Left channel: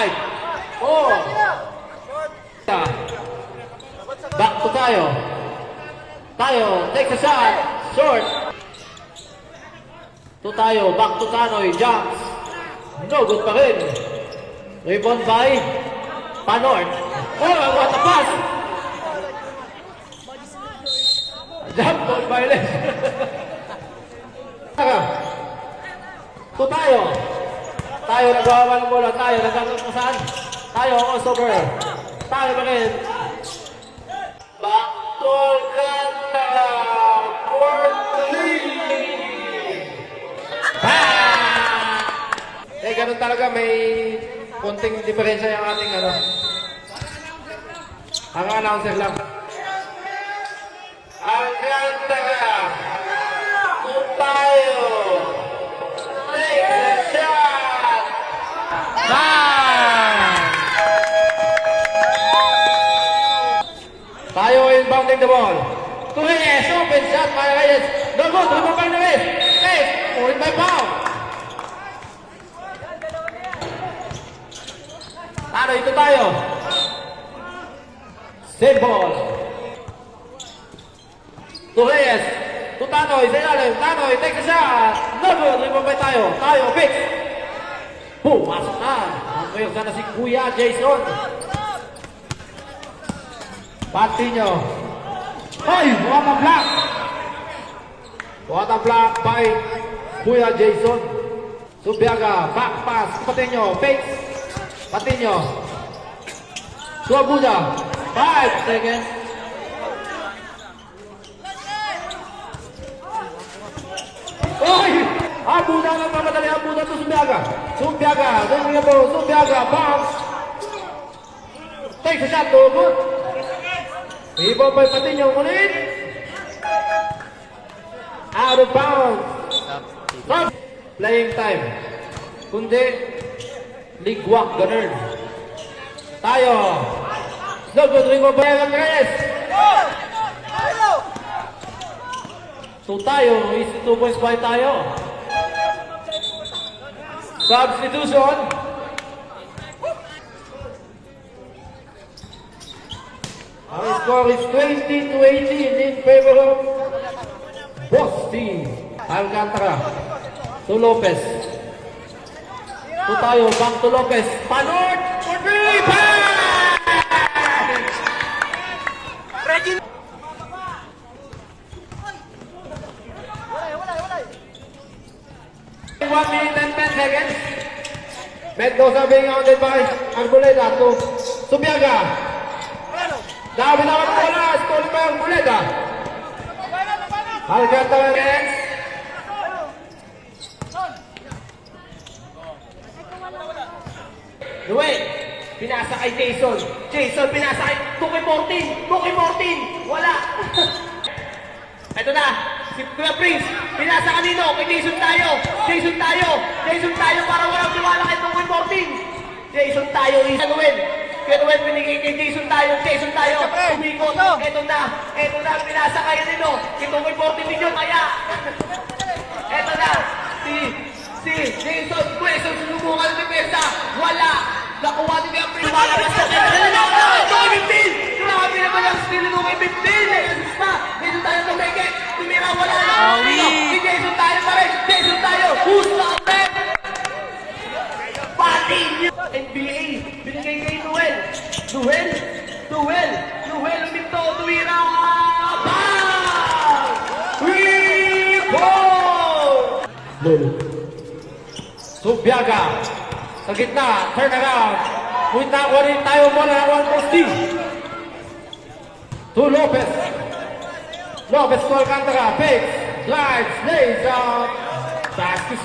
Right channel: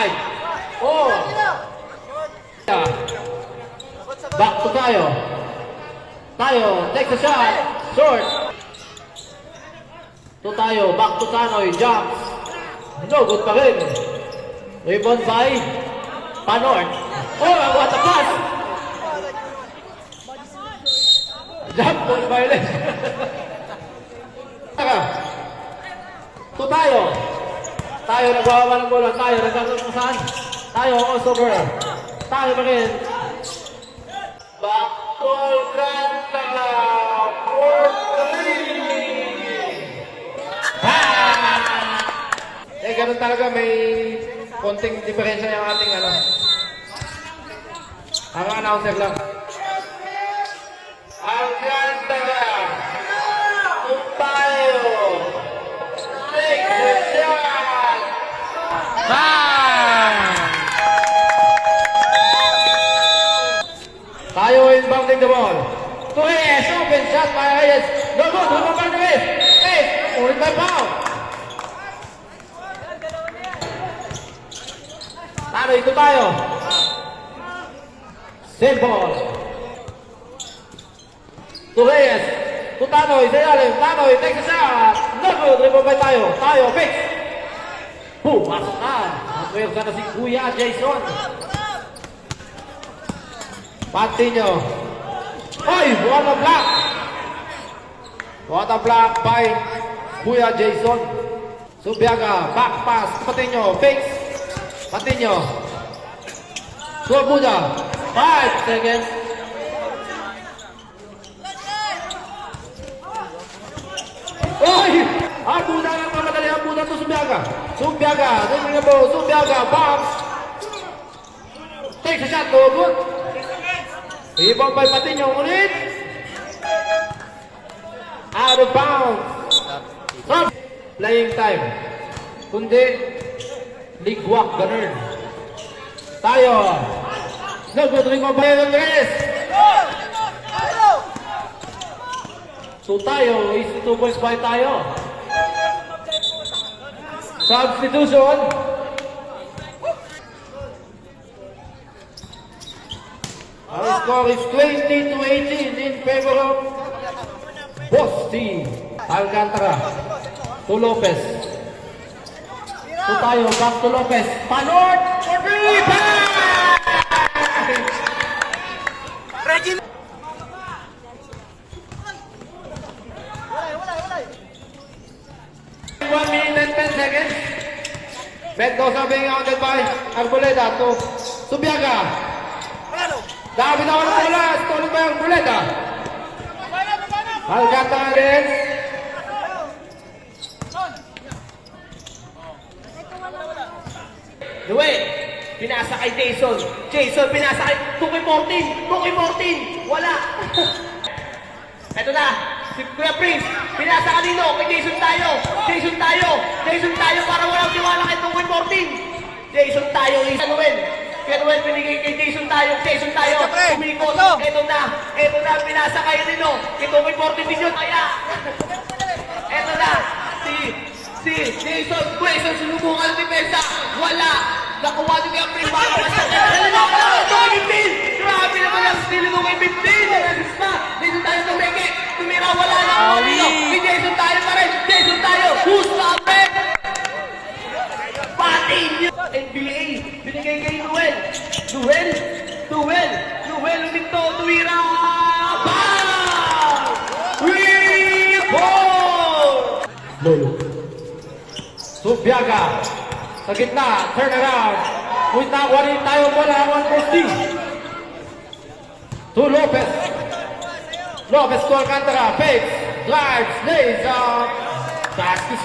5, 4. Back to Tayo. Tayo, takes a shot. Short. To Tayo, back to Tanoy. Jumps. No, good pa rin. Rebound by Panor. Oh, what a pass! Jump ball violence. To Tayo. Tayo nagawa ng bola. Tayo nagagawin mo saan? Tayo, crossover. Tayo pa rin. Backdoor ganda. Ganun talaga, may konting diferensya yung ating ano. Ang announcer lang. Ang ganda na. Tayo. Take the shot. Bang! Tayo inbounding the ball. Torres, open shot by Reyes. No good, open by Reyes. Reyes, open by Pao. Ito tayo. Save ball. To Reyes. To Tanoy. Sayalin. Tanoy. Take a shot. No good. Rebound tayo. Tayo. Fix. Boom. Pasok na. Ang na si Kuya Jason. Patinho. Hey! What a block. What a block by Kuya Jason. Subiaga. Back pass. Patinho. Fix. Patinho. Suabuda. 5 seconds. Oy! Abuda lang mamadali. Abuda to Subiaga. Subiaga. Doon nga po. Subiaga. Bounce. Take a shot. Good. Ibang by Patinho. Ulit. Out of bounds. Stop. Playing time. Kundi ligwak, ganun. Tayo. No good, ring mo ba yung Reyes? So tayo, is 2 points by tayo. Substitution. Our score is 20-18 in favor of Boss Team. Alcantara. To Lopez. So tayo, back to Lopez. Panor! For 3! Bang! 1 minute and 10 seconds. Mendoza being outed by Arboleda to Subiaga. Dami na ang bola. Stolen by Arboleda. Alcantara against Noel, pinasa kay Jason. Jason, pinasa kay Tuki 14. Tuki 14. Wala. Ito na. Si Kuya Prince. Pinasa kanino. Kay Jason tayo. Jason tayo. Jason tayo para walang tiwala kay Tuki 14. Jason tayo. Noel. Kaya Noel, pinigay kay Jason tayo. Jason tayo. Umikot. Ito na. Ito na. Pinasa kay Nino. Kay Tuki 14 million. Kaya. Ito na. Si Jason. Jason, susubukan depensa. Wala. Nakuha din ang pinapalabas na grabe naman ang skill mo kay 15. Resista. Dito tayo sa Meke. Tumira, wala na. Si Jason tayo pa rin. Jason tayo. Who's lapit? Patinho. NBA. Binigay kay Noel. Noel. Uminto. Tumira. Rebound. Lolo. Subiaga. Sa gitna, turn around. Wait na, kunin tayo bola. One posti. To Lopez. Lopez to Alcantara. Fakes. Drives. Lays out. Basket.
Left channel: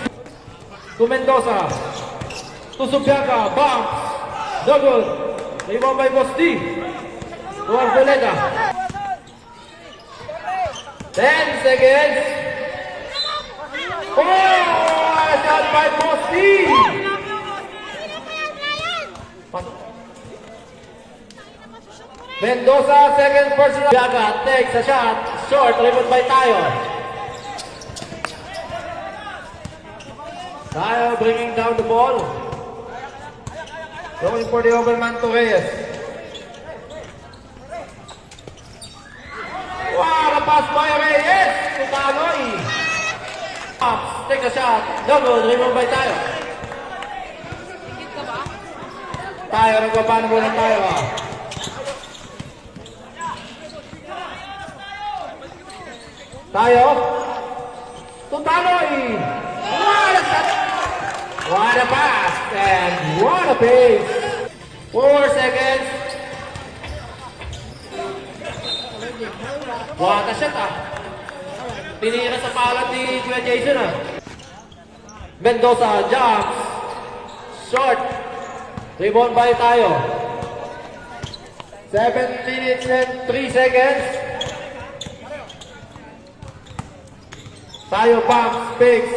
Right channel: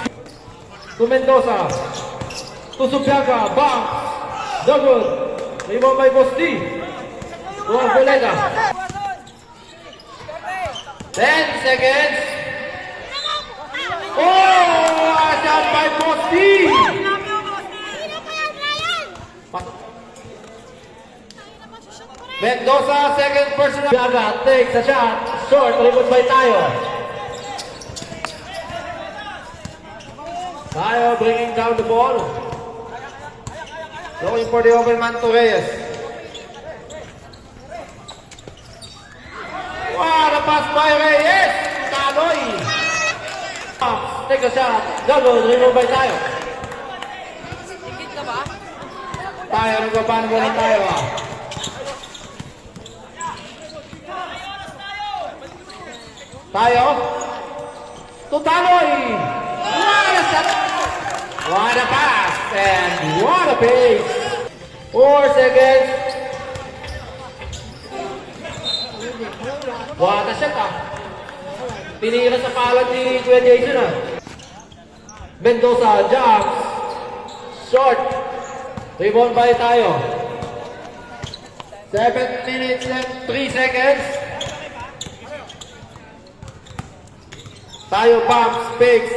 To Mendoza. To Subiaga. Bounce. No good. Rebound by Posti. To Arboleda. 10 seconds. Oh! Shot by Posti. Mendoza, second personal. Biaga takes a shot. Short, rebound by Tayo. Tayo bringing down the ball. Looking for the open man to Reyes. What a pass by Reyes! To Taloy. Take a shot. Double, remove by tayo. Tayo, nagpapan muna tayo ah. Tayo. To Taloy. What a pass and what a pace. 4 seconds. What a shot ah. Tinira sa kalat ni Kuya Jason ah. Mendoza jumps. Short. Rebound by tayo. 7 minutes and 3 seconds. Tayo pumps, picks.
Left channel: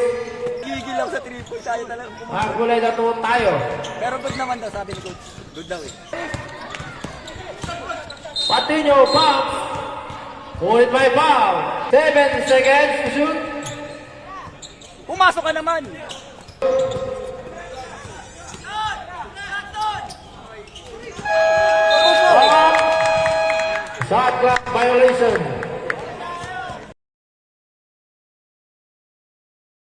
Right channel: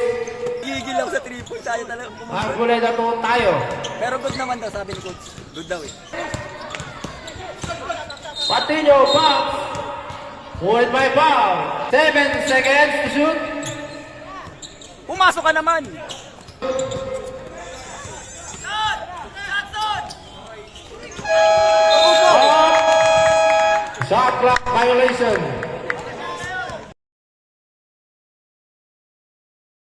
Gigil ako sa 3 points. Ayaw talaga. Magkulay na to tayo. Pero good naman daw, sabi ni coach. Good daw eh. Patino, pumps. Hold by foul. 7 seconds to shoot. Pumasok ka naman! Shot clock violation.